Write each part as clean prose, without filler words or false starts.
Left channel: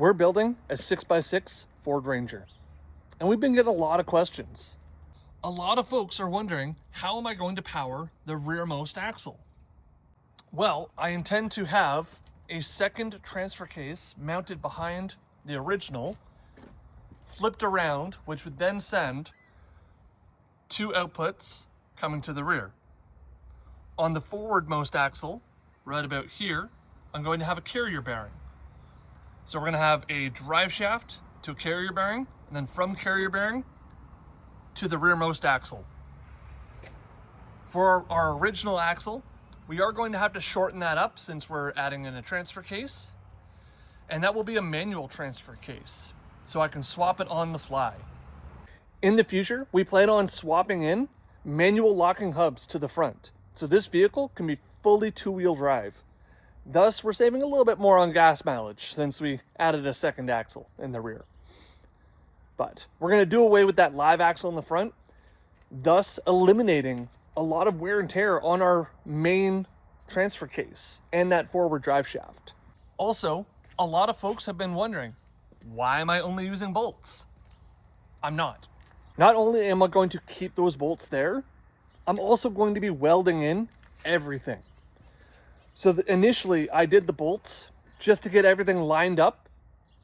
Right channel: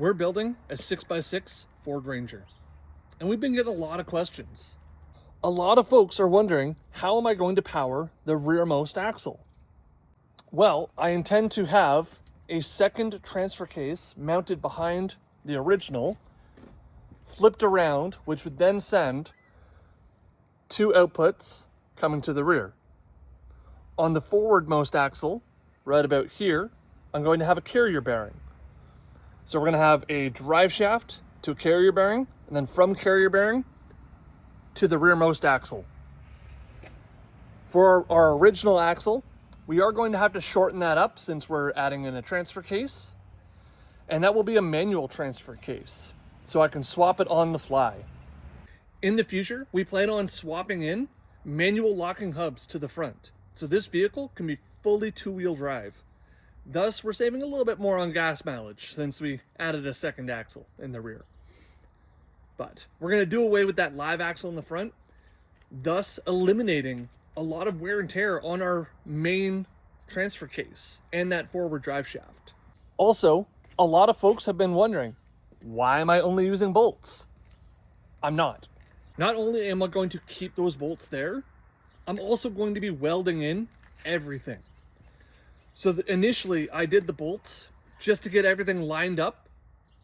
We're building a 6x6 Ford Ranger, and we've been getting a lot of questions. A lot of folks are wondering, how am I going to power the rearmost axle? Well, I intend to have a second transfer case mounted behind the original, flipped around, which would then send two outputs coming to the rear. On the forwardmost axle, right about here, I'm going to have a carrier bearing. So we're going to have a drive shaft to a carrier bearing, and then from carrier bearing to the rearmost axle. For our original axle, we are going to have to shorten that up since we're adding in a transfer case, and that will be a manual transfer case, so I can swap it on the fly. In the future, we plan on swapping in manual locking hubs to the front, so this vehicle can be fully two-wheel drive. Thus, we're saving a little bit more on gas mileage since we added a second axle in the rear. But we're going to do away with that live axle in the front, thus eliminating a lot of wear and tear on our main transfer case and that forward drive shaft. Also, a lot of folks have been wondering, why am I only using bolts? I'm not. Not only am I going to keep those bolts there, I'm also going to be welding in everything. So initially I did the bolts just to get everything lined up,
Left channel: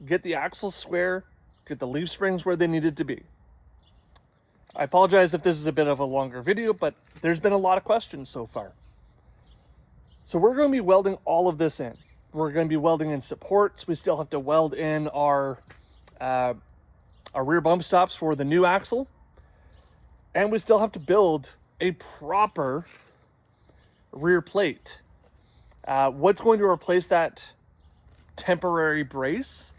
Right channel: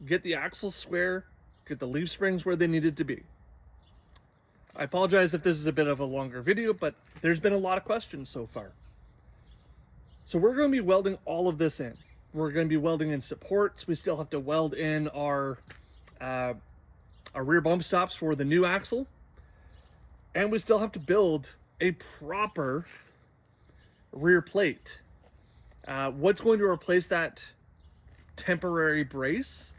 get the axles square, get the leaf springs where they needed to be. I apologize if this is a bit of a longer video, but there's been a lot of questions so far. So we're going to be welding all of this in. We're going to be welding in supports. We still have to weld in our rear bump stops for the new axle. And we still have to build a proper rear plate. What's going to replace that temporary brace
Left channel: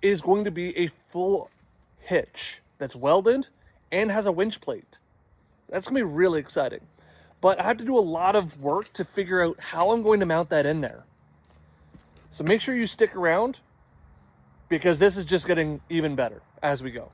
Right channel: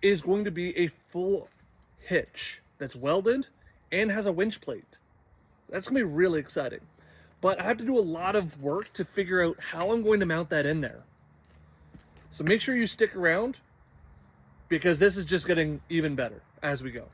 is going to be a full hitch that's welded and has a winch plate. That's gonna be really exciting. But I have to do a lot of work to figure out how I'm going to mount that in there. So make sure you stick around because this is just getting even better as we go.